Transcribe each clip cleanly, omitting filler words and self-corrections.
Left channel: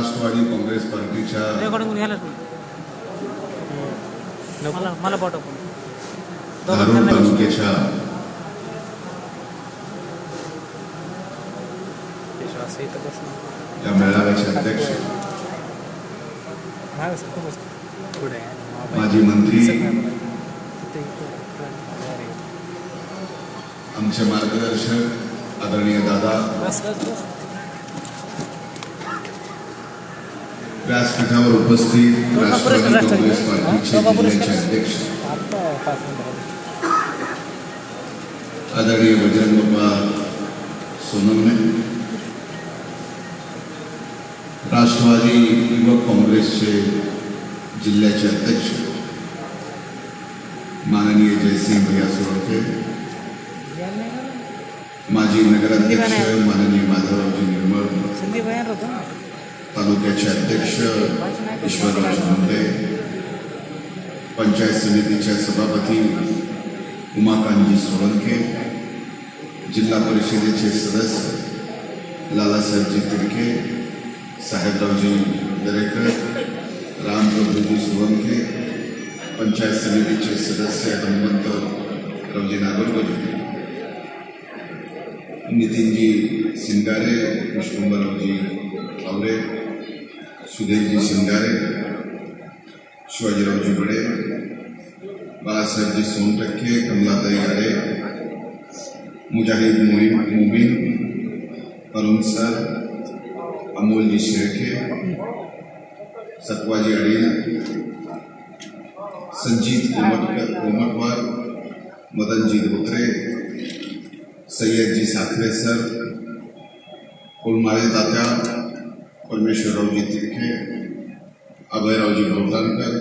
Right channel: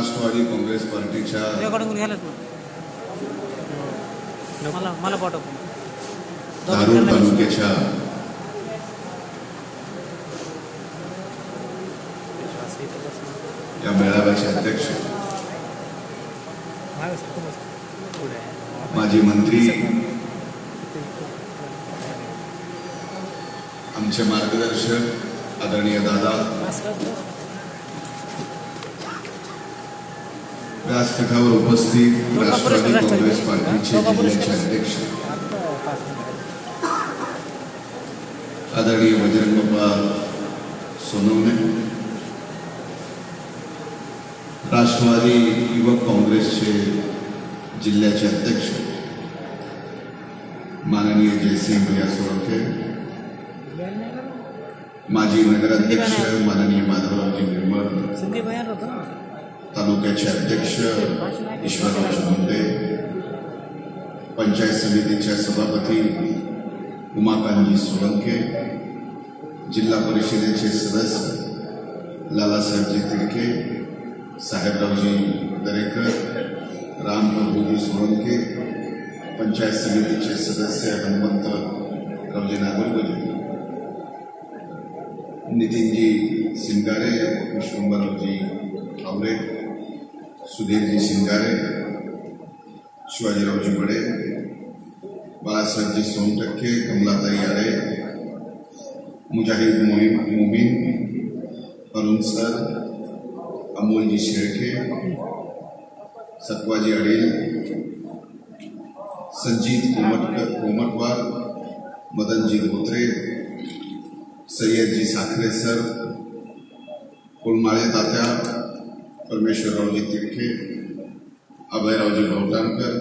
राष्ट्रवादी काँग्रेस पार्टीच्या धारूर तालुक्याच्या या मेळाव्याचे अध्यक्ष माजी मंत्री, आमचे मार्गदर्शक आदरणीय दादा, व्यासपीठावर उपस्थित राष्ट्रवादी काँग्रेस पार्टीचे जिल्ह्याचे अध्यक्ष आदरणीय बजरंगप्पा सोनवणे, राष्ट्रवादी युवक काँग्रेसचे जिल्ह्याचे अध्यक्ष माननीय जयसिंग भैया सोळंके, माजी नगराध्यक्ष माननीय माधवरावजी निर्मळ, तालुक्याचे अध्यक्ष ईश्वरराव शिंदे, पंचायत समितीच्या सभापती उमाकांतजी सोळंके, जिल्हा परिषदेचे सदस्य लालासाहेबजी तिडके, साहेबरावजी दरेकर, रामप्रभूजी सोळंके, पंचायत समितीचे सदस्य हनुमंतरावजी नागरगोजे, नितीनजी सिंगारे, विश्वंभररावजी आवरे, सुधीरजी सिंगारे, शिवाजीरावजी बडे, बाळासाहेबजी सोनटक्के, कमलाताई आरे, मुजाहिद मोमीन, अरुण सर, अमोलजी शेळके, सत्वाजी अडील, संजीत कोमटवार, मदनजी धोत्रे, सय्यदजी साखरे सर, कोळमाळे तात्या, परमेश्वररावजी तिडके, अभयरावजी भवतांकर,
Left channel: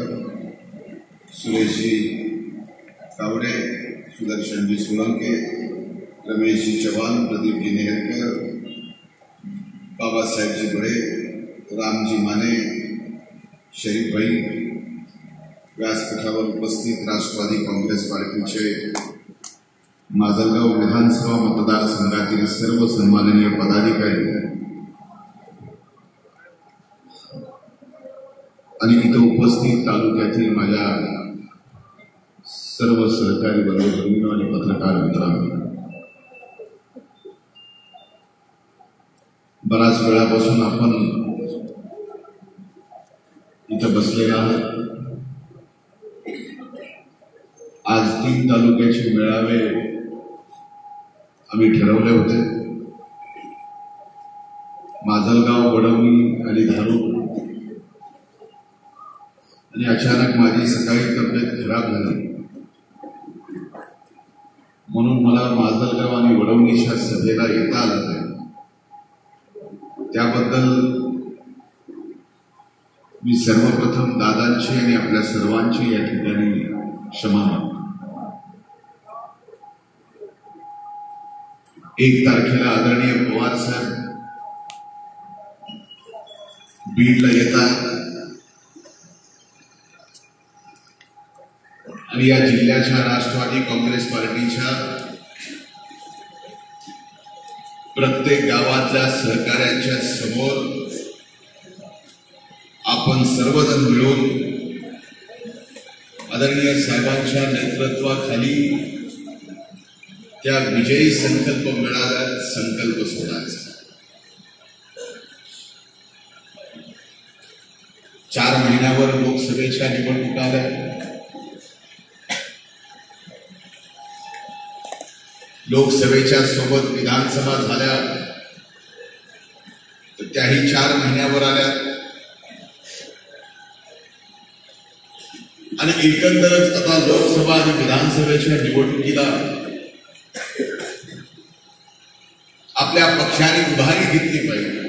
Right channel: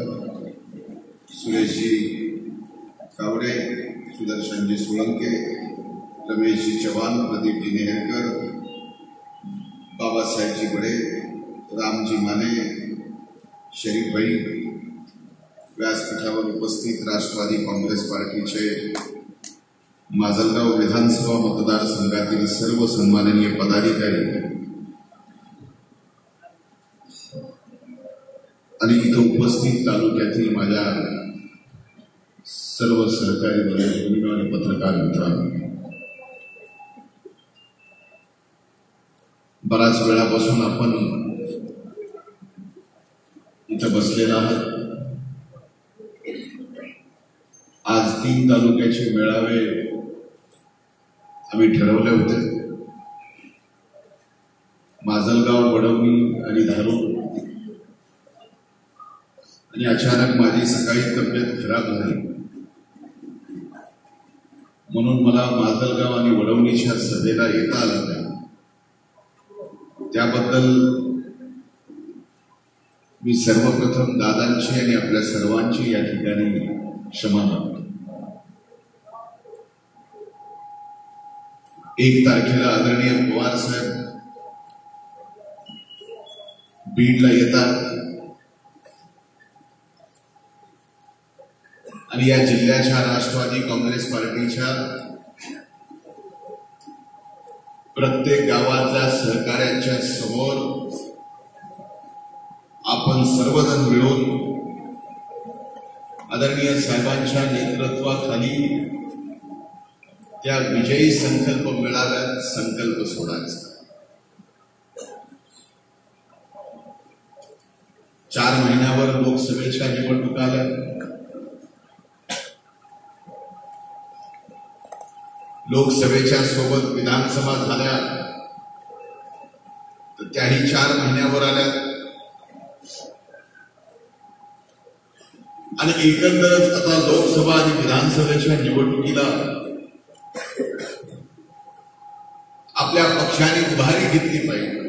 सुरेशजी कावडे, सुदर्शनजी सोळंके, रमेशजी चव्हाण, प्रदीपजी नेहरकर, बाबासाहेबजी बडे, रामजी माने, शरीफभाई, व्यासपीठावर उपस्थित राष्ट्रवादी काँग्रेस पार्टीचे माजलगाव विधानसभा मतदारसंघातील सर्व सन्माननीय पदाधिकारी आणि इथं उपस्थित तालुक्यातील माझ्या सर्व सहकारी बंधू आणि पत्रकार मित्रांनो, बराच वेळापासून आपण इथं बसलेला आहात. आज 3 तालुक्याचे मेळावे आम्ही ठरवले होते, माजलगाव, वडवणी आणि धारूर, आणि अचानक माझी सकाळी तब्येत खराब झाली म्हणून मला माजलगाव आणि वडवणीच्या सभेला येता आलं नाही. त्याबद्दल मी सर्वप्रथम दादांची आणि आपल्या सर्वांची या ठिकाणी क्षमा मागतो. 1 तारखेला आदरणीय पवार साहेब बीडला येतात आणि या जिल्ह्याच्या राष्ट्रवादी काँग्रेस पार्टीच्या प्रत्येक गावातल्या सहकाऱ्यांच्या समोर आपण सर्वजण मिळून आदरणीय साहेबांच्या नेतृत्वाखाली त्या विजयी संकल्प मेळाव्यात संकल्प सोडायचा. 4 महिन्यावर लोकसभेच्या निवडणुका आल्या. लोकसभेच्या सोबत विधानसभा झाल्या तर त्याही 4 महिन्यावर आल्या आणि एकंदरच आता लोकसभा आणि विधानसभेच्या निवडणुकीला आपल्या पक्षाने उभारी घेतली पाहिजे.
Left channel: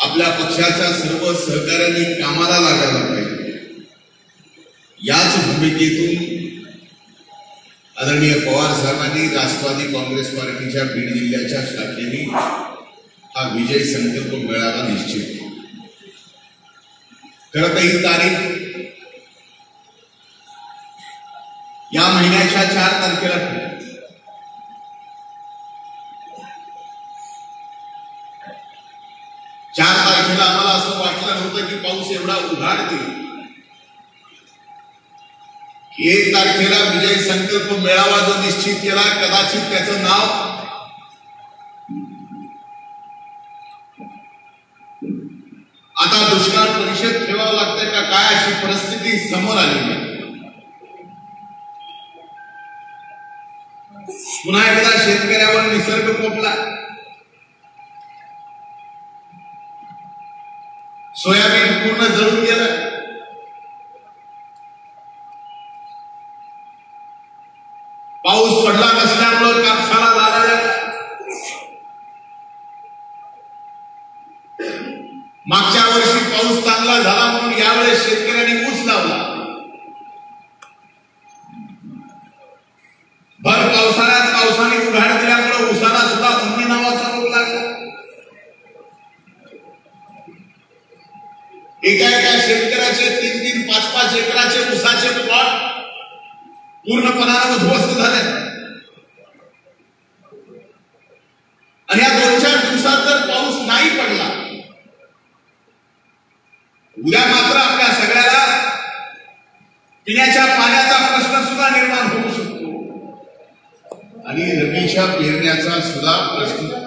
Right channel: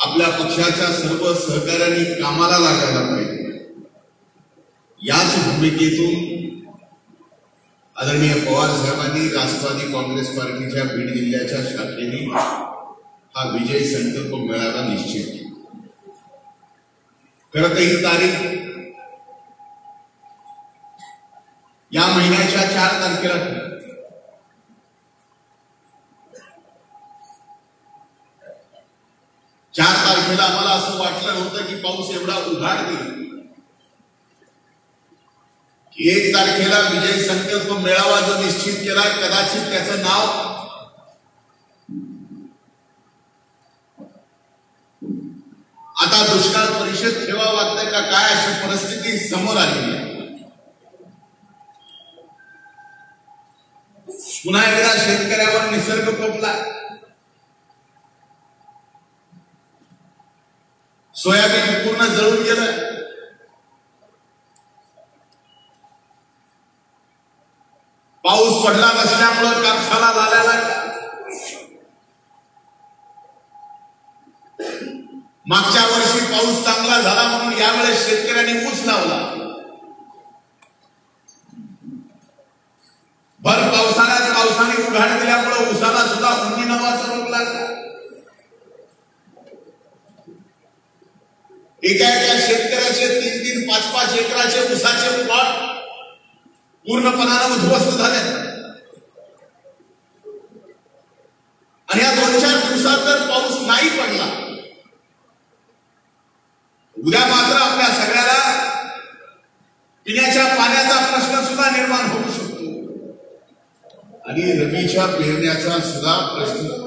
आपल्या पक्षाच्या सर्व सहकाऱ्यांनी कामाला लागायला पाहिजे. याच भूमिकेतून आदरणीय पवार साहेबांनी राष्ट्रवादी काँग्रेस पार्टीच्या बीड जिल्ह्याच्या शाखेने हा विजय संकल्प मेळावा निश्चित केला. खरं तर ही तारीख या महिन्याच्या 4 तारखेला 4 तारखेला आम्हाला असं वाटलं नव्हतं की पाऊस एवढा उघाड देईल. 1 तारखेला विजय संकल्प मेळावा जो निश्चित केला, कदाचित त्याचं नाव आता दुष्काळ परिषद ठेवावं लागतंय का काय, अशी परिस्थिती समोर आलेली आहे. पुन्हा एकदा शेतकऱ्यावर निसर्ग कोपला. सोयाबीन पूर्ण जळून गेलं. पाऊस पडला नसल्यामुळं कापसाला झालेला. मागच्या वर्षी पाऊस चांगला झाला म्हणून यावेळेस शेतकऱ्यांनी ऊस लावला. भर पावसाळ्यात पावसाने उघाड दिल्यामुळे ऊसाला सुद्धा उन्नी नावाचा रोग लागला. एका शेतकऱ्याचे 3-3, 5-5 एकराचे ऊसाचे प्लॉट पूर्णपणाने उद्ध्वस्त झाले. आणि या 2-4 दिवसात जर पाऊस नाही पडला, उद्या मात्र आपल्या सगळ्याला पिण्याच्या पाण्याचा प्रश्न सुद्धा निर्माण होऊ शकतो आणि रबीच्या पेरण्याचा सुद्धा प्रश्न.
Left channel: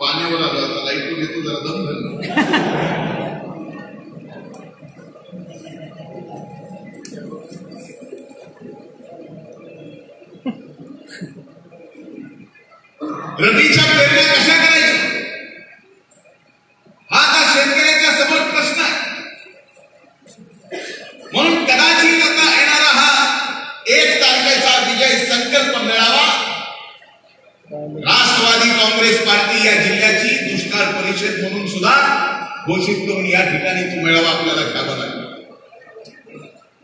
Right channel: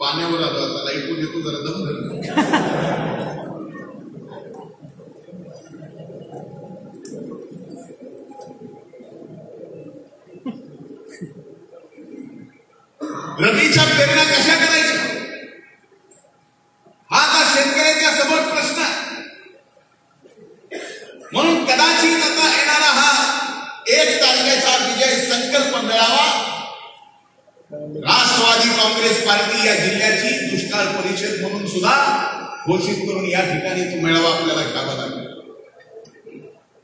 पाण्यावर आला होता, लाईट येतो, जरा दम धरला. रबीच्या पेरण्या कशा करायच्या हा आता शेतकऱ्याच्या समोर प्रश्न आहे. म्हणून कदाचित आता येणारा हा 1 तारखेचा विजय संकल्प मेळावा राष्ट्रवादी काँग्रेस पार्टी या जिल्ह्याची दुष्काळ परिषद म्हणून सुद्धा घोषित करून या ठिकाणी तो मेळावा आपल्याला घ्यावा लागला.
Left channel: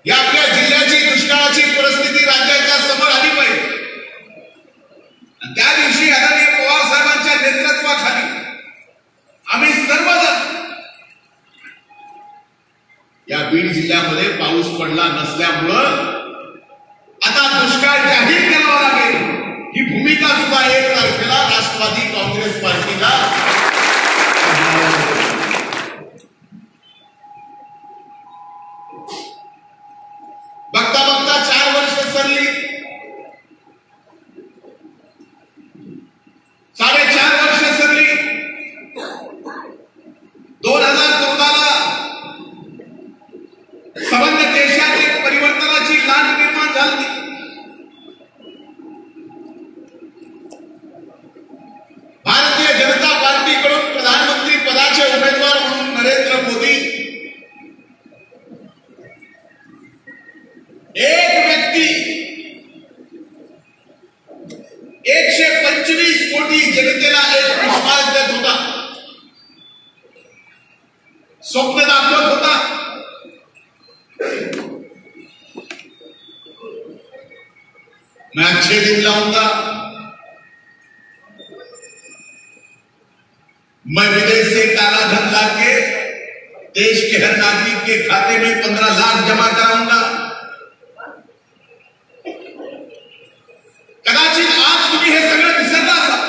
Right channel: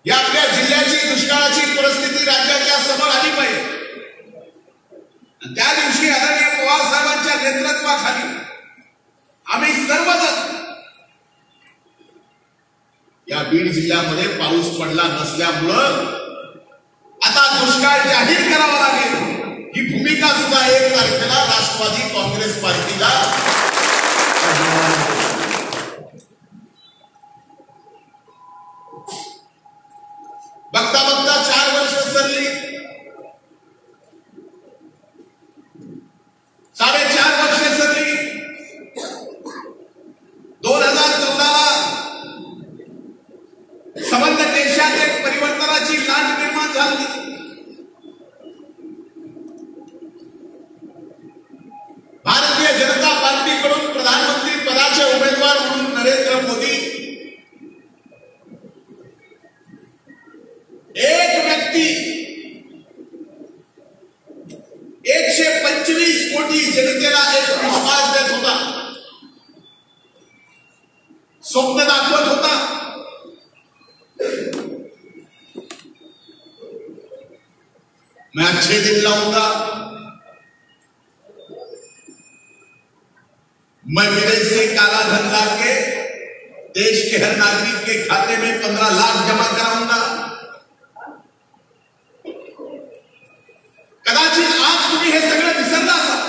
या आपल्या जिल्ह्याची दुष्काळाची परिस्थिती राज्याच्या समोर आली पाहिजे. त्या दिवशी आदरणीय पवार साहेबांच्या नेतृत्वाखाली आम्ही सर्वजण या बीड जिल्ह्यामध्ये पाऊस पडला नसल्यामुळं आता दुष्काळ जाहीर करावा लागेल ही भूमिका सुद्धा 1 तारखेला राष्ट्रवादी काँग्रेस पार्टीला. बघता बघता 4 वर्ष सरली, 4.5 वर्ष सरली. 2014ला संबंध देशात एक परिवर्तनाची लाट निर्माण झाली. भारतीय जनता पार्टीकडून प्रधानमंत्री पदाचे उमेदवार म्हणून नरेंद्र मोदी एक व्यक्ती 125 कोटी जनतेला एक विश्वास देत होता, स्वप्न दाखवत होता. मैं अच्छे दिन लाऊंगा, मैं विदेश से काला धन लाके देश के हर नागरिक के खाते में 15 लाख जमा कराऊंगा. कदाचित आज तुम्ही हे सगळं विसरला असाल,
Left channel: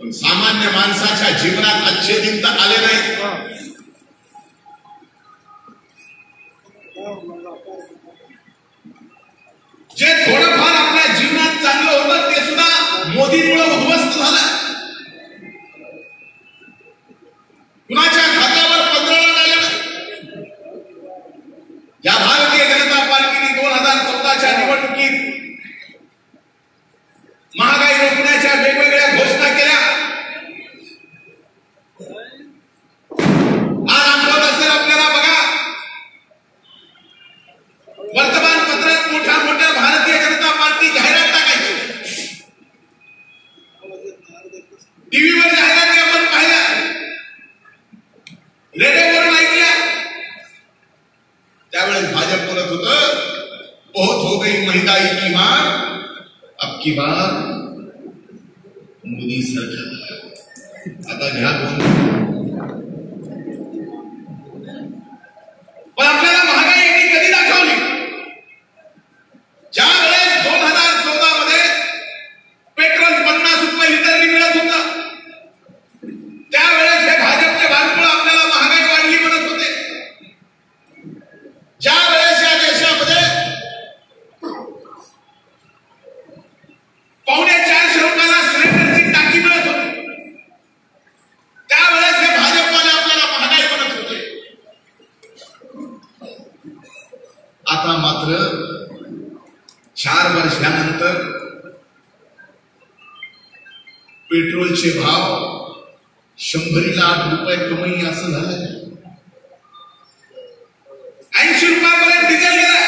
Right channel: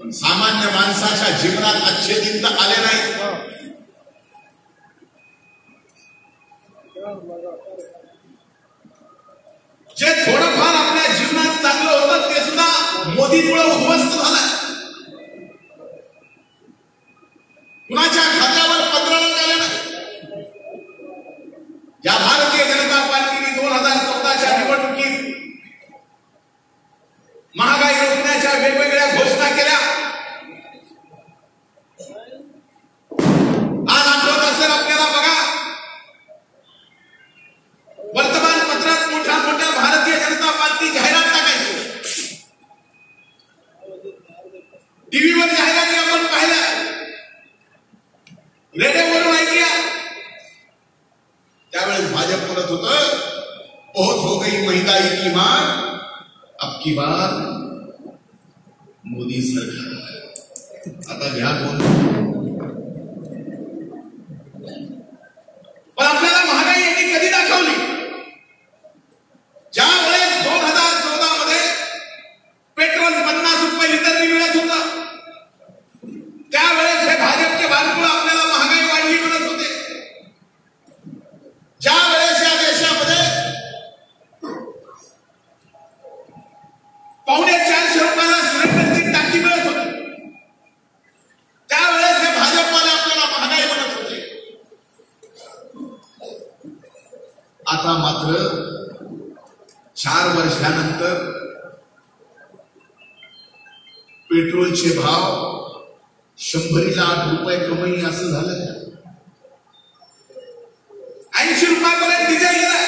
पण सामान्य माणसाच्या जीवनात अच्छे दिन तर आले नाही. जे थोडंफार आपल्या जीवनात चांगलं होतं ते सुद्धा मोदीमुळे उद्ध्वस्त झालं. कुणाच्या खात्यावर 15 लाख आले नाही. या भारतीय जनता पार्टीने 2014च्या निवडणुकीत महागाई रोखण्याच्या वेगवेगळ्या घोषणा केल्या. आज आठवत असेल आपल्याला, बघा वर्तमानपत्रात मोठ्या मोठ्या भारतीय जनता पार्टी जाहिरात टाकायची, टीव्हीवर जाहिराती आपण पाहिल्या, रेडिओवरून ऐकल्या. त्यावेळेस भाजप बोलत होतं, बहुत हो गई महंगाई की मार, अब की बार मोदी सरकार. आता घ्या कोण. पण आपल्याला महागाई यांनी कधी दाखवली? मात्र 4 वर्षानंतर पेट्रोलचे भाव 100ला 8 रुपये कमी असं झालंय. 80 रुपयापर्यंत डिझेल गेलाय.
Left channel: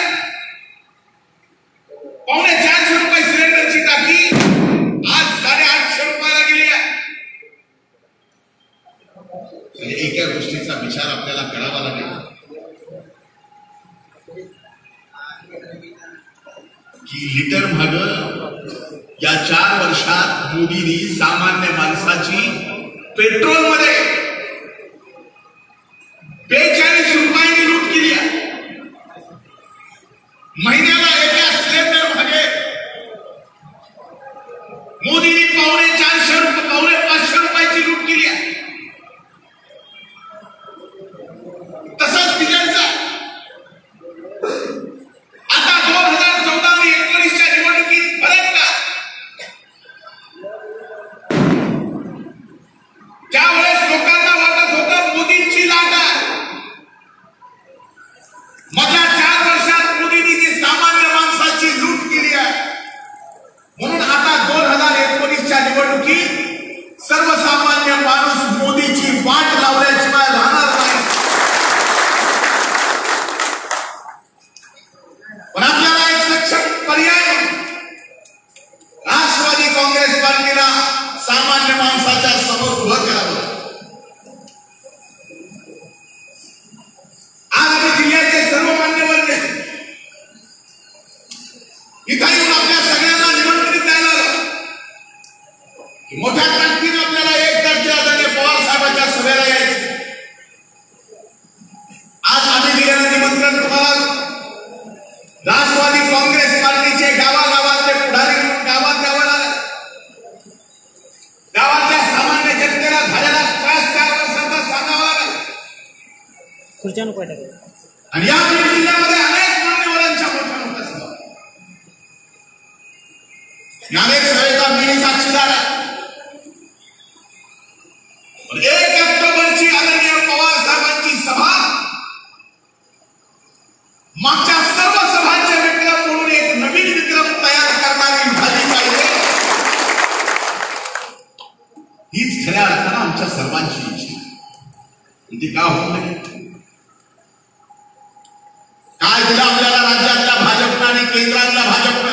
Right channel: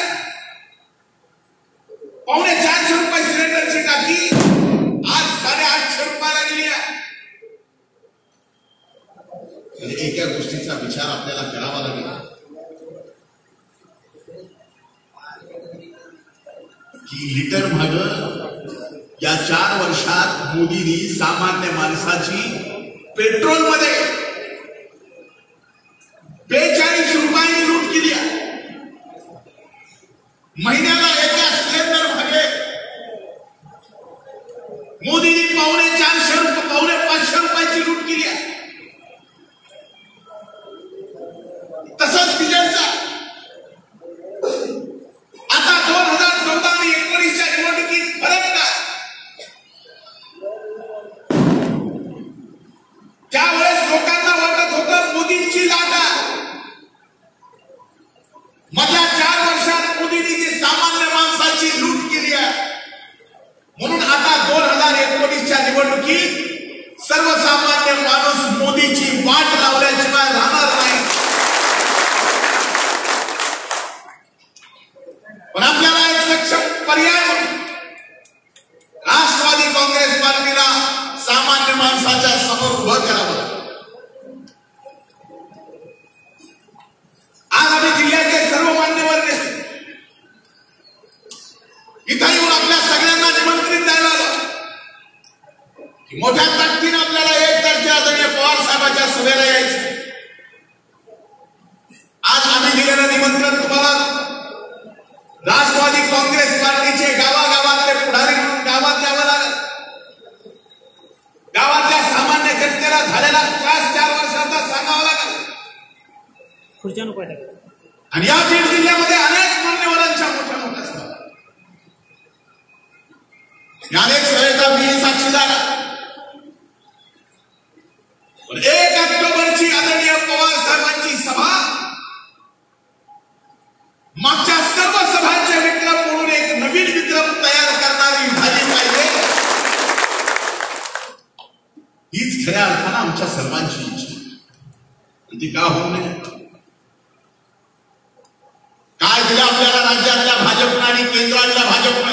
450 रुपये सिलेंडरची टाकी आज 850 रुपयाला गेली आहे. म्हणजे एका गोष्टीचा विचार आपल्याला करावा लागेल की लिटर माग या 4 वर्षात मोदींनी सामान्य माणसाची पेट्रोलमध्ये 42 रुपयांनी लूट केली आहे. महिन्याला एका सिलेंडर मागे मोदींनी 450 रुपयाची लूट केली आहे. तसंच डिझेलचा आता 2014 आणि 19च्या निवडणुकीत फरक का? त्यावेळेस लोकांना वाटत होतं मोदींची लाट आहे. मधल्या 4 वर्षात मोदींनी जी सामान्य माणसाची लूट केली आहे म्हणून आता 2019च्या निवडणुकीत सर्वसामान्य माणूस मोदीची वाट लावल्याशिवाय राहणार नाही. पण आपल्याला एक सक्षम पर्याय राष्ट्रवादी काँग्रेस पार्टीला सामान्य माणसाच्या समोर उभं करावं. आज आम्ही जिल्ह्याचे सर्व मान्यवर इथं येऊन आपल्या सगळ्यांना निमंत्रित द्यायला आलो की मोठ्या ताकदीने आपल्याला एक तर आदरणीय पवार साहेबांच्या सभेला यायचं. आज आम्ही दिलेलं निमंत्रण तुम्हाला राष्ट्रवादी काँग्रेस पार्टीचे गावागावातले पुढारी म्हणून गावात द्यावं लागेल. गावातल्या सामान्य जनतेला झालेला त्रास 4 वर्षाचा सांगावा लागेल. आणि या बीड जिल्ह्यामध्ये अनेक मान्यवरांच्या मोठ्या सभा, अनेक सभेचा मी साक्षीदार आहे. 1 ऑक्टोबरची आदरणीय पवार साहेबांची सभा मागच्या सर्व सभांचे विक्रम म्हणून एक नवीन विक्रम तयार करणारी झाली पाहिजे. हीच खऱ्या अर्थानं आमच्या सर्वांची इच्छा. ती का होत नाही? काय दिलं आपल्याला राज्यातल्या भाजपनं आणि केंद्रातल्या भाजपनं?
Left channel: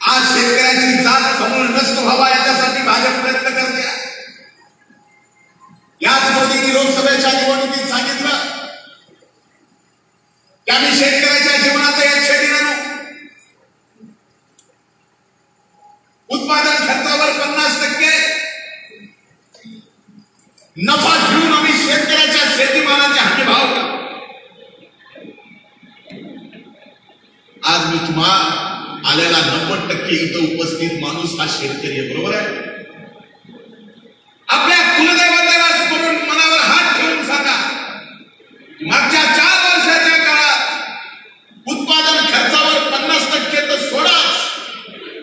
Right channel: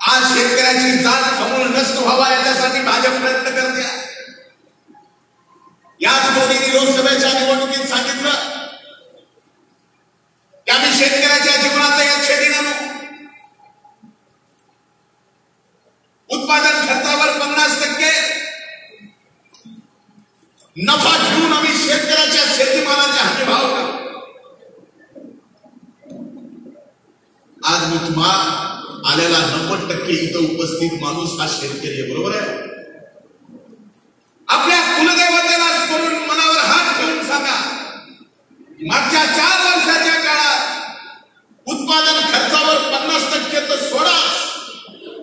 आज शेतकऱ्याची जात समूळ नष्ट व्हावा याच्यासाठी भाजप प्रयत्न करते. याच मोदींनी लोकसभेच्या निवडणुकीत सांगितलं की आम्ही शेतकऱ्याच्या जीवनात एक छेदी आणू. उत्पादन खर्चावर 50% नफा घेऊन आम्ही शेतकऱ्याच्या शेतीमालाचे हमीभाव करू. आज मी तुम्हाला आलेला 90% इथं उपस्थित माणूस हा शेतकरी आहे. बरोबर आहे? आपल्या कुलदैवताला स्मरून मनावर हात ठेवून सांगा मागच्या 4 वर्षाच्या काळात उत्पादन खर्चावर 50% तर सोडाच,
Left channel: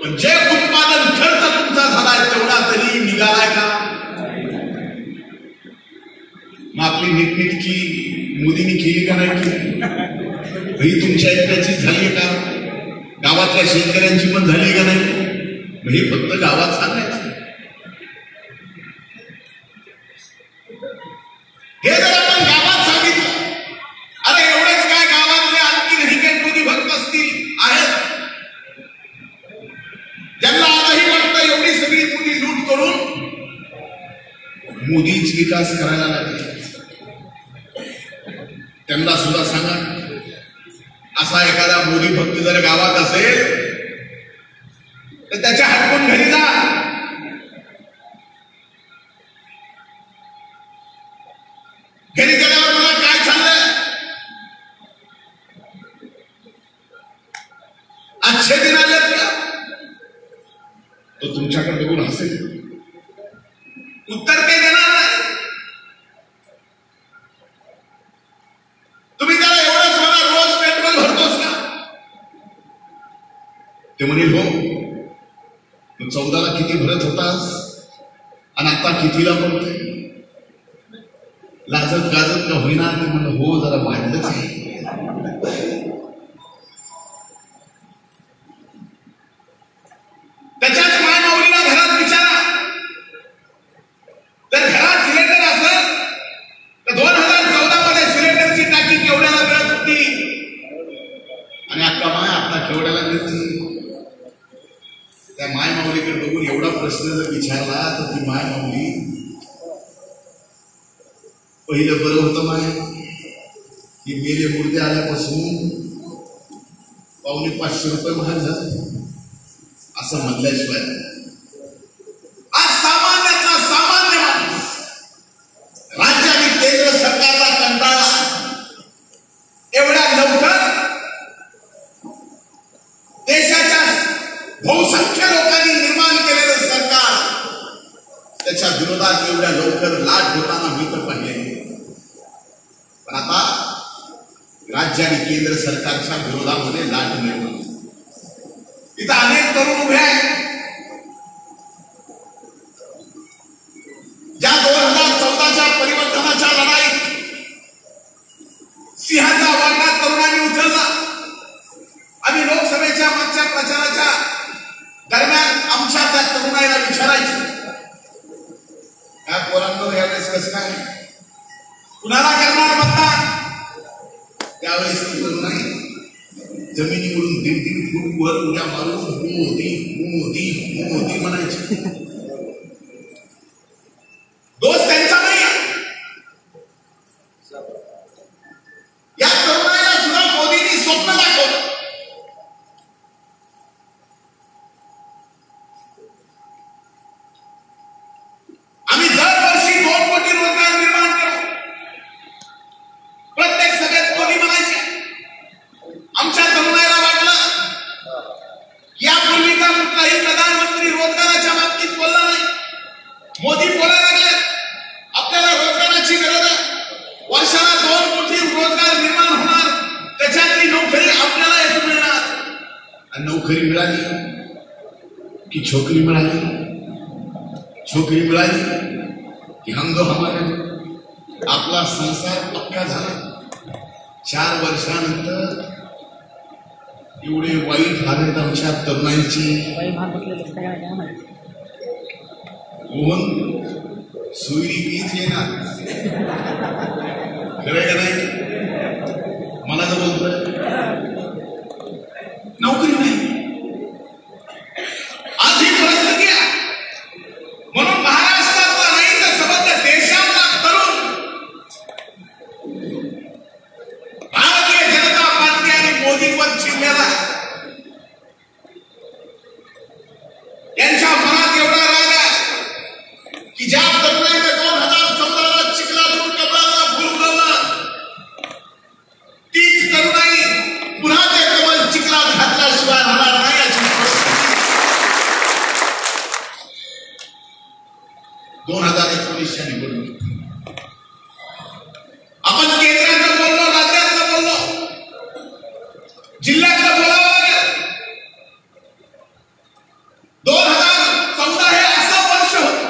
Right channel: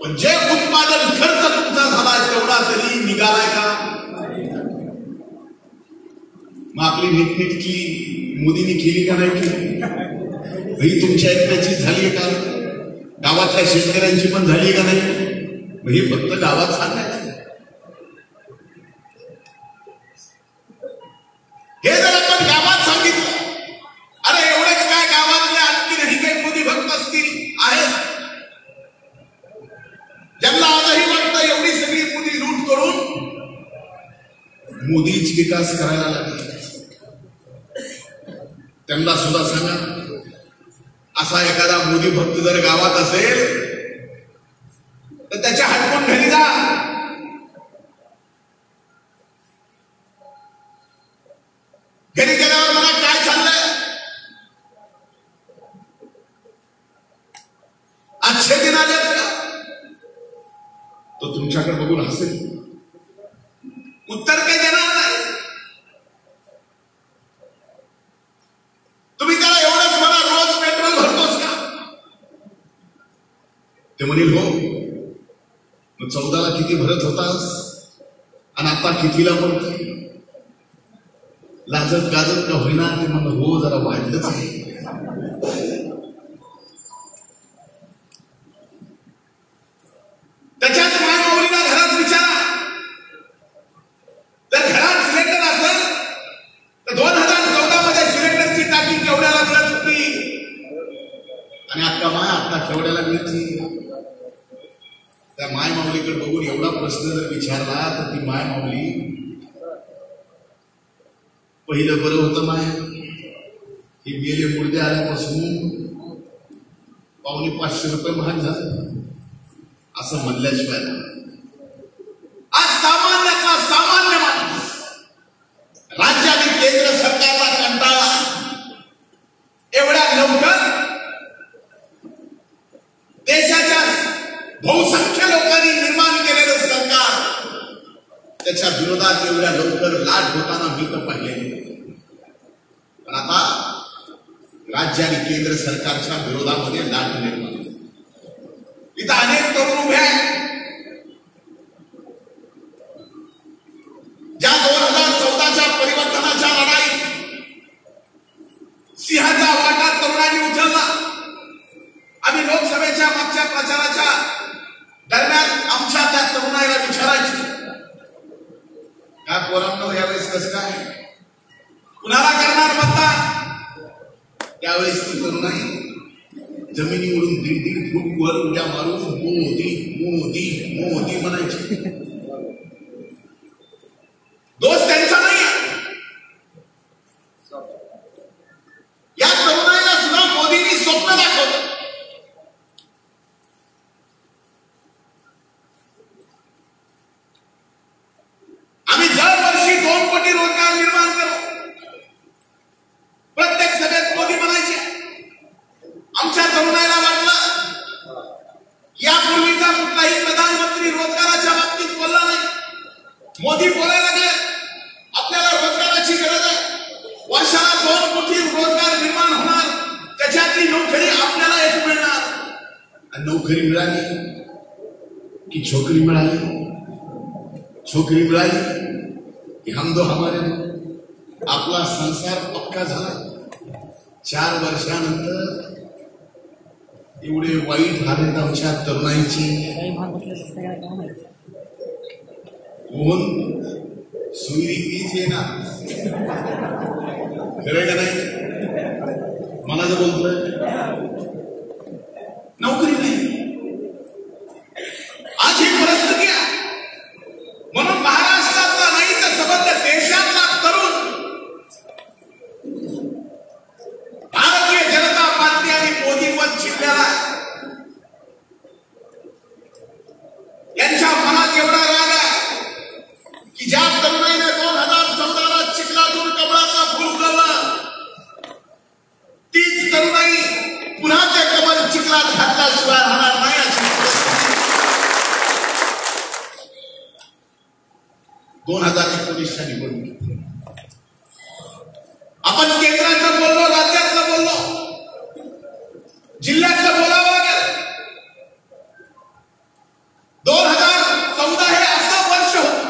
पण जे उत्पादन खर्च तुमचा झालाय तेवढा तरी निघालाय का? मग आपली नीटनीटकी मोदींनी केली का नाही केली? ही तुमच्या एकट्याची झाली का? गावातल्या शेतकऱ्यांची पण झाली का नाही? मग हे फक्त गावात सांगायचं. हे जर आपण गावात सांगितलं, अरे एवढेच काय गावातले आणखी काही मोदी भक्त असतील आहेत ज्यांना आजही वाटतं एवढी सगळी मोदी लूट करून मोदीच विकास करायला लागले, त्यांना सुद्धा सांगा असा एखादा मोदी भक्त जर गावात असेल तर त्याच्या हटकून घरी जा. घरी गेल्यावर मला काय चाललंय, अच्छे दिन आलेत का? तो तुमच्याकडे बघून हसेल, उत्तर काही देणार नाही. तुम्ही त्याला एवढंच मला रोज पेट्रोल भरतोस का? ते म्हणेल हो. मग 14ला किती भरत होतास आणि आता कितीला पडतोय? लाजत गाजत का होईना? ते म्हणलं हो जरा वाढलंच आहे. त्याच्याच मायमाऊलीला घरात विचारा, जर घरात सिलेंडर असेल तर 2014 मध्ये सिलेंडरची टाकी केवढ्याला मिळत होती आणि अक्का माय आता केवढ्याला मिळते? त्या मायमाऊलीकडे बघून एवढा प्रश्न जर विचारला तर ती मायमाऊली, पहिलं बरं होतं माय, ही मेले मुर्दे आल्यापासून 550 रुपये महाग झाले असं म्हणल्याशिवाय आज सामान्यातला सामान्य माणूस राज्य आणि केंद्र सरकारला कंटाळला. एवढ्या लवकर देशाच्या बहुसंख्य लोकांनी निर्माण केलेलं सरकार, त्याच्या विरोधात एवढ्या लवकर लाट होताना मी तर पाहिले. पण आता राज्य आणि केंद्र सरकारच्या विरोधामध्ये लाट निर्माण, इथं अनेक तरुण उभे आहेत ज्या 2014च्या परिवर्तनाच्या लढाईत सिंहाचा वाटा तरुणांनी उचलला. आम्ही लोकसभेच्या मागच्या प्रचाराच्या दरम्यान आमच्या त्या तरुणाईला विचारायचं, काय पोरांनो यावेळेस कसं काय, कुणाला करणार मतदान? त्यावेळेस ती तरुणाई जमिनीवरून 1.5 फूट वर उड्या मारून मोदी मोदी मोदी म्हणायची. दोष त्यांचा नाही, या तरुणाईला सुद्धा मोदींनी स्वप्न दाखवलं. आम्ही दरवर्षी 2 कोटी रोजगार निर्माण करू. प्रत्येक सभेत मोदी म्हणायचे. आमच्या तरुणाईला वाटलं यापूर्वीचा कुठलाही प्रधानमंत्री रोजगाराच्या बाबतीत बोलला नाही. मोदी बोलायला लागले आपल्याला रोजगाराची गरज आहे, वर्षाला 2 कोटी रोजगार निर्माण होणार, त्याच्यातली नोकरी आपल्याला एक मिळणार. आणि नोकरी मिळाली की छोकरी मिळाली, छोकरी मिळाली की हम दो हमारे, आपला संसार पक्का झाला. 4 वर्षानंतर एवढे वाईट हालत आमच्या तरुणांची कोण सुईरी तीच येणार, खरे का नाही? मला तर बोलतोय नोकरी नाही. आज ही परिस्थिती आहे. म्हणून महाराष्ट्रातला नाही तर संबंध देशातला तरुण भारतीय जनता पार्टी आणि मोदींवर चिडलेला आहे. यांच्या मनात एवढा राग आहे की ज्या तरुणाईने 2014ला चिखलातून कमळाचा फूल उगवला, तीच तरुणाई पुन्हा ते कमल चिखलात घातल्याशिवाय राहणार नाही. अशी 2019च्या निवडणुकीत आपण केंद्राचं बोललो, राज्यातलं बोललो, जिल्ह्यातलं बोलावं. 2014 हे असं वर्ष होतं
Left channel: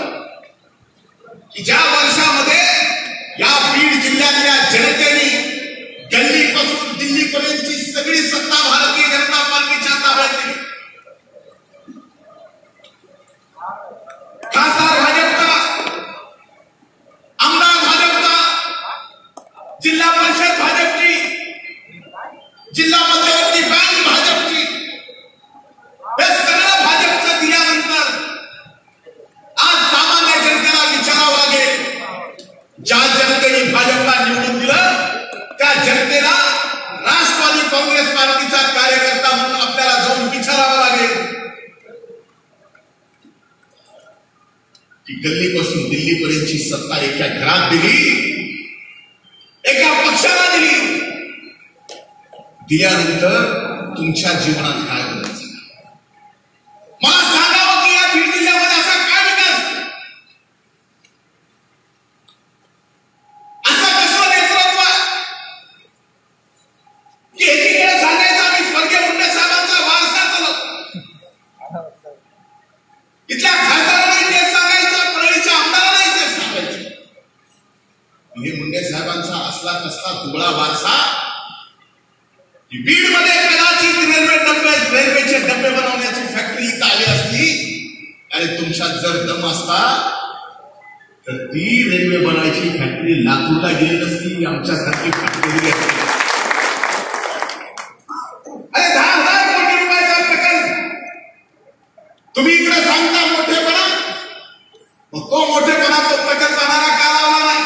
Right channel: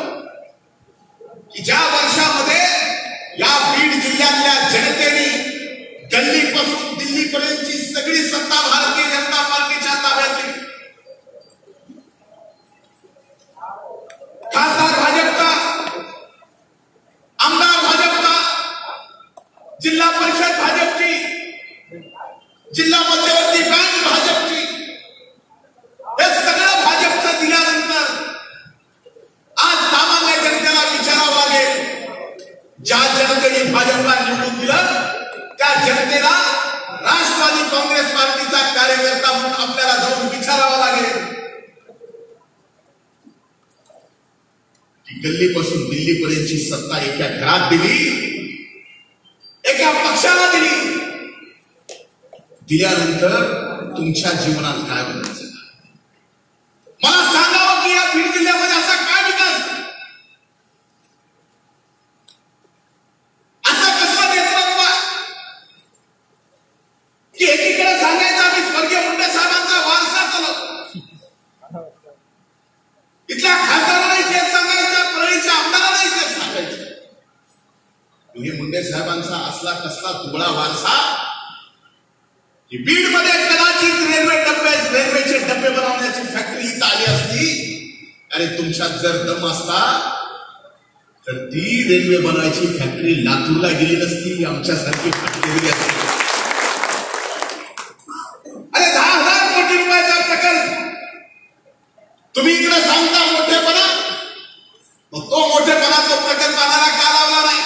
की ज्या वर्षामध्ये या बीड जिल्ह्यातल्या जनतेने गल्लीपासून दिल्लीपर्यंतची सगळी सत्ता भारतीय जनता पार्टीच्या ताब्यात दिली. खासदार भाजपचा, आमदार भाजपचा, जिल्हा परिषद भाजपची, जिल्हा मध्यवर्ती बँक भाजपची, हे सगळं भाजपचं दिल्यानंतर आज सामान्य जनतेला विचारावं लागेल, ज्या जनतेने भाजपला निवडून दिलं त्या जनतेला राष्ट्रवादी काँग्रेस पार्टीचा कार्यकर्ता म्हणून आपल्याला जाऊन विचारावं लागेल की गल्लीपासून दिल्लीपर्यंतची सत्ता एका घरात दिली, एका पक्षाला दिली, दिल्यानंतर तुमच्या जीवनात काय बदल? मला सांगावं की या बीड जिल्ह्यामध्ये असा काय विकास, असं कसं नेतृत्व की एकीकडे सांगायचं आम्ही स्वर्गीय मुंडे साहेबांचा वारसा चालवतो, इथल्या खासदारांनाही तेच सांगायचं, परळीच्या आमदारांनाही तेच सांगायचं. हे मुंडे साहेबांचा असला कसला तुबळा वारसा बीडमध्ये कदाचित रेल्वेचे डबे बनवण्याची फॅक्टरी इथं आली असती. अरे तुमच्यात जर दम असता तर ती रेल्वे बनवायची फॅक्टरी लातूरला गेली नसती, आमच्यासारखी फॅक्टरी गेली असती. अरे 10,000 कोटी रुपयाचा प्रकल्प तुम्ही इकडे सांगता मोठेपणा, मग तो मोठेपणा तो प्रकल्प आम्हाला का लावला नाही?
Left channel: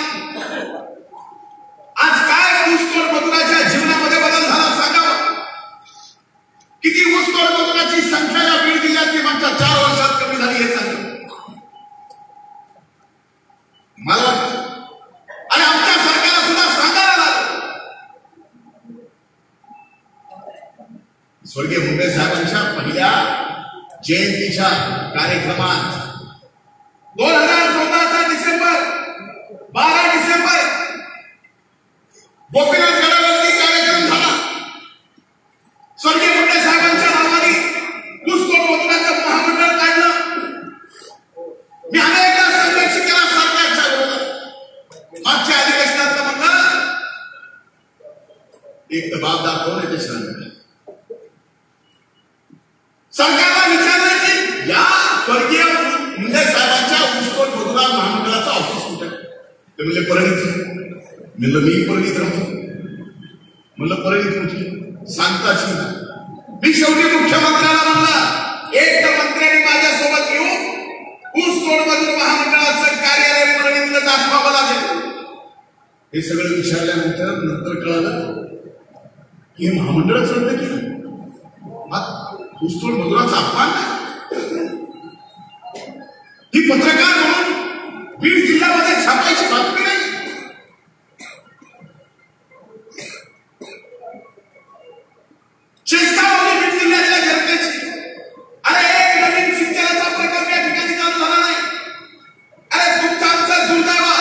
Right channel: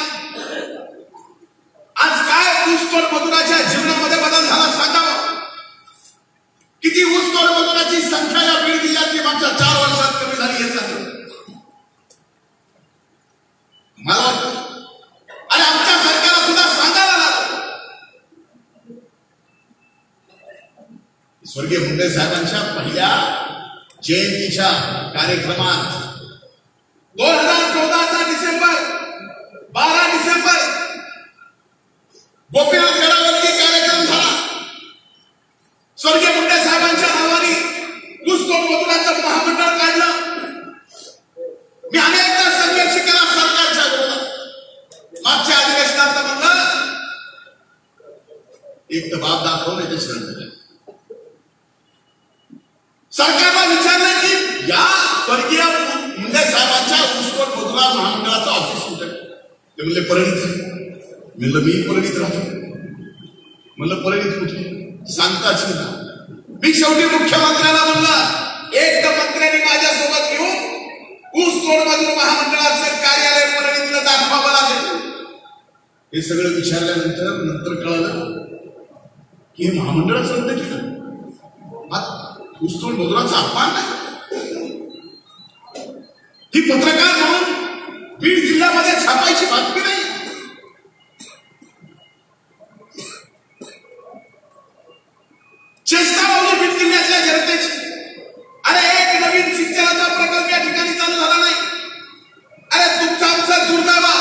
आज काय ऊसतोड मजुराच्या जीवनामध्ये बदल झाला सांगावं. किती ऊसतोड मजुराची संख्या या बीड जिल्ह्यातली मागच्या 4 वर्षात कमी झाली हे सांगतो मला वाटतं. आणि आमच्या सरकारला सुद्धा सांगायला लागलं. स्वर्गीय मुंडे साहेबांच्या पहिल्या जयंतीच्या कार्यक्रमात 2014चा डिसेंबर 12 डिसेंबर गोपीनाथ गडावरती कार्यक्रम झाला. स्वर्गीय मुंडे साहेबांच्या नावाने ऊसतोड मजुराचं महामंडळ काढलं. मी अनेकदा संघर्ष केला सरकारच्या विरोधात. मागच्या अधिवेशनात म्हणलं एक तर बाब दाखवून त्याच्यानंतर सरकारला विचारलं की या स्वर्गीय मुंडे साहेबांच्या ऊसतोड मजुरा महामंडळाचं ऑफिस कुठे? ते म्हणले परळीत. म्हणलं मी परळीत राहतो. म्हणलं परळीत कुठे? सांगताच ना. मी शेवटी मुख्यमंत्र्याला म्हणलं एक तर मंत्र्यांनी माझ्यासोबत घेऊन ऊसतोड मजूर महामंडळाचं कार्यालय परळीतलं दाखवावं लागेल. हे सगळं विचारल्यानंतर नंतर कळालं की हे महामंडळच रद्द केलं. ऊसतोड मजुराचा अपमान नाही. ही पत्रकार म्हणून बीड जिल्ह्यामध्ये छापायची बातमी नाही. चेष्टा होती बीड जिल्ह्यातल्या जनतेची. अरे एक नवीन सिंचनाचा प्रकल्प या ठिकाणी चालू झाला नाही. अरे तुमचा आमचा दुर्दैवा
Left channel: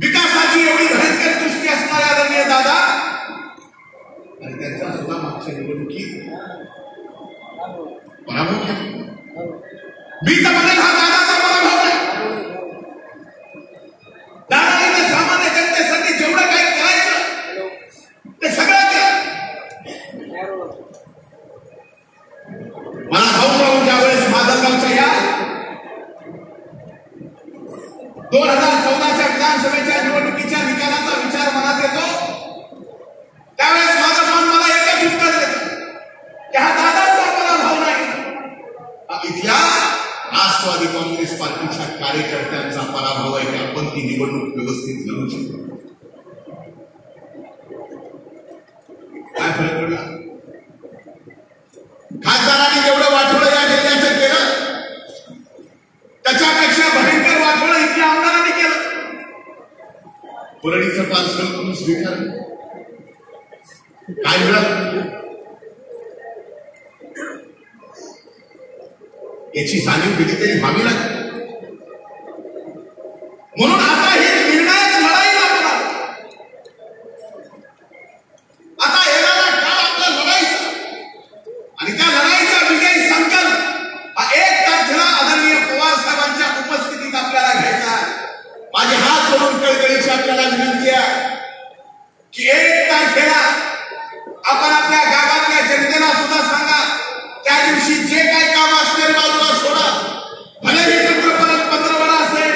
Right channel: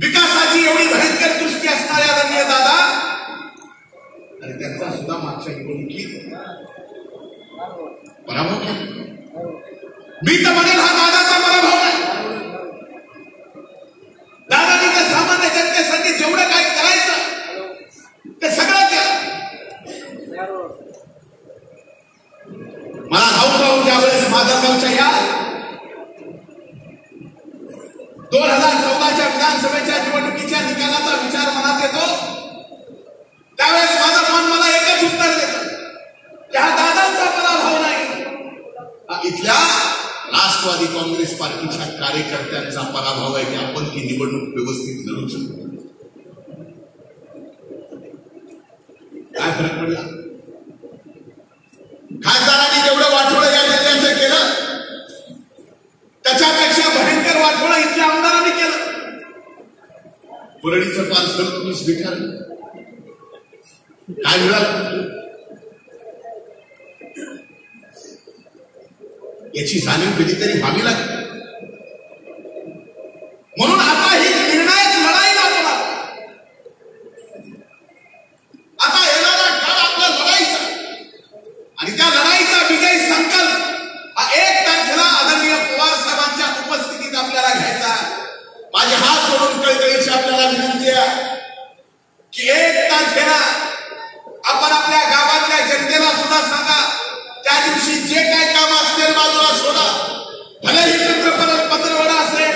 विकासाची एवढी भयंकर दृष्टी असणाऱ्या आदरणीय दादा आणि त्यांचा सुद्धा मागच्या निवडणुकीत पराभव केला. मी तर म्हणेल हा दादाचा पराभव नाही. दादाने तर सामान्य जनतेसाठी जेवढं काही करायचं ते सगळं केलं. मला भाऊ ज्यावेळेस माजलगावच्या या 2014च्या विधानसभेच्या निवडणुकीच्या निकालाचा विचार मनात येतो त्यावेळेस माझं मन मला एकच उत्तर देतं की हा दादांचा पराभव नाही, इथल्या राष्ट्रवादी काँग्रेस पार्टीच्या कार्यकर्त्यांचा पराभव आहे की आपण ती निवडणूक व्यवस्थित लढू शकतो. काय फरक पडला? खासदारांनी जेवढं वाटोळं या जिल्ह्याचं केलं त्याच्यापेक्षा भयंकर वाटोळं इथल्या आमदारांनी केलं. परळीचं पार्सल तुम्ही स्वीकारलं. काय मिळालं याची जाणीव कधीतरी व्हावी लागते. म्हणून आता ही निर्णायक लढाई लागला. आता येणारा काळ आपल्या लढाईचा आणि त्या लढाईचा विजयी संकल्प हा 1 तारखेला आदरणीय पवार साहेबांच्या उपस्थितीत आपल्याला घ्यायचा. माझे हात जोडून कळकळीची आपल्याला विनंती आहे की 1 तारखेला आपण आपल्या गावातल्या जनतेला सुद्धा सांगा त्या दिवशी जे काय काम असतील बाजूला सोडा. भलेही पितृपरत पंधरवडा असेल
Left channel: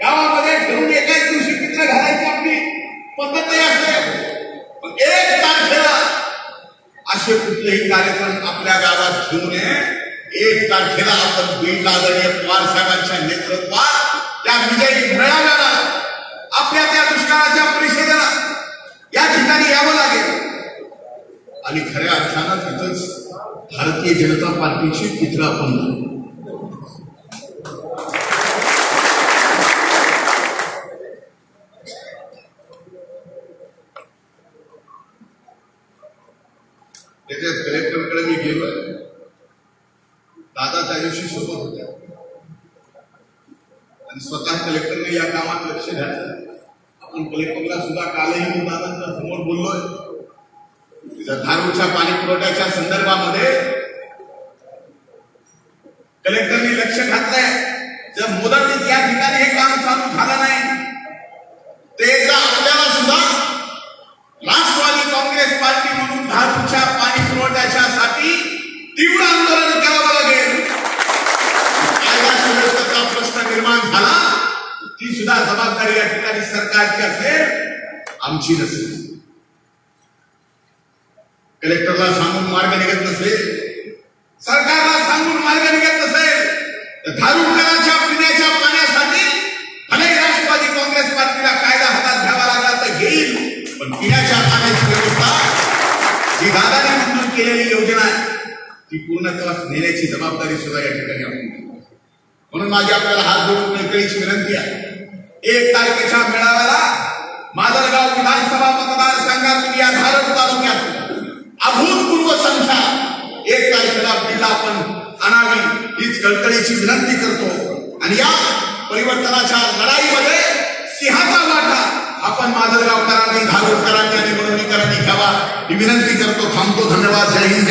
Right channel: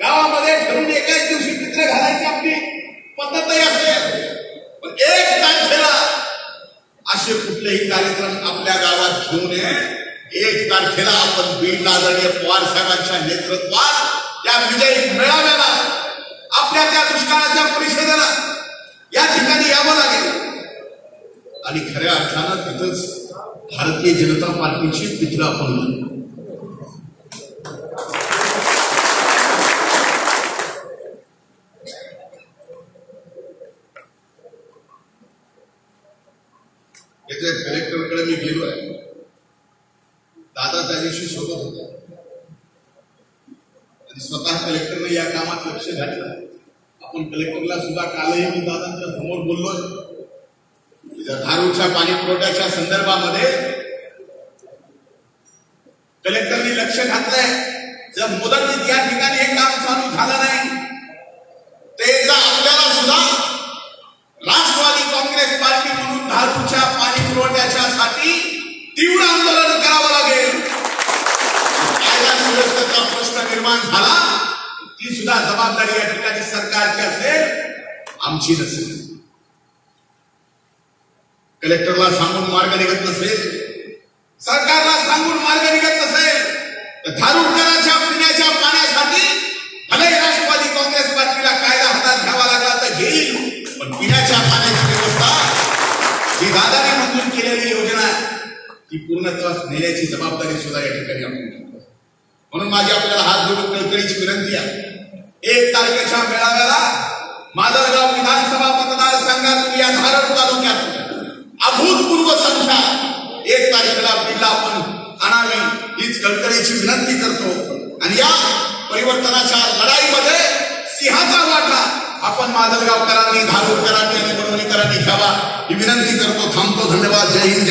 गावामध्ये फिरून एकाच दिवशी पित्र घालायची आपली पद्धतही असेल, पण 1 तारखेला असे कुठलेही कार्यक्रम आपल्या गावात घेऊ नये. 1 तारखेला आपण बीडला आदरणीय पवार साहेबांच्या नेतृत्वात त्या विजयी मेळाव्याला आपल्या त्या दुष्काळाच्या परिषदेला या ठिकाणी यावं लागेल आणि खऱ्या अर्थानं तिथंच भारतीय जनता पार्टीची चित्र आपण त्याच्यात कलेक्टरकडे मी गेलोय. दादा त्या दिवशी सोबत होत्या आणि स्वतः कलेक्टरने या कामात लक्ष घातलं. आपण कलेक्टरला सुद्धा कालही मी दादांच्या समोर बोललोय. धारूरच्या पाणी पुरवठ्याच्या संदर्भामध्ये कलेक्टरने लक्ष घातलंय. जर मुदतीत या ठिकाणी हे काम चालू झालं नाही ते आपल्याला सुद्धा राष्ट्रवादी सुद्धा जबाबदारी या ठिकाणी सरकारची असेल, आमची नसेल. कलेक्टरला सांगून मार्ग निघत नसेल, सरकारला सांगून मार्ग निघत नसेल, तर धारुरकरांच्या पिण्याच्या पाण्यासाठी भले राष्ट्रवादी काँग्रेस पार्टीला कायदा हातात घ्यावा लागला तर घेईल, पण पिण्याच्या पाण्याची व्यवस्था जी दादाने मंजूर केलेली योजना आहे ती पूर्णत्वास नेण्याची जबाबदारी सुद्धा या ठिकाणी आपण घेतो. म्हणून माझी आपल्याला हात जोडून कळकळीची विनंती आहे, 1 तारखेच्या मेळाव्याला माजलगाव विधानसभा मतदारसंघातून या धारड तालुक्यात अभूतपूर्व संख्या 1 तारखेला बीडला आपण आणावी हीच कळकळीची विनंती करतो. आणि या परिवर्तनाच्या लढाईमध्ये सिंहाचा वाटा आपण माजलगावकरांनी, धारूरकरांनी आणि वडवणीकरांनी घ्यावा ही विनंती करतो. थांबतो. धन्यवाद. जय हिंद.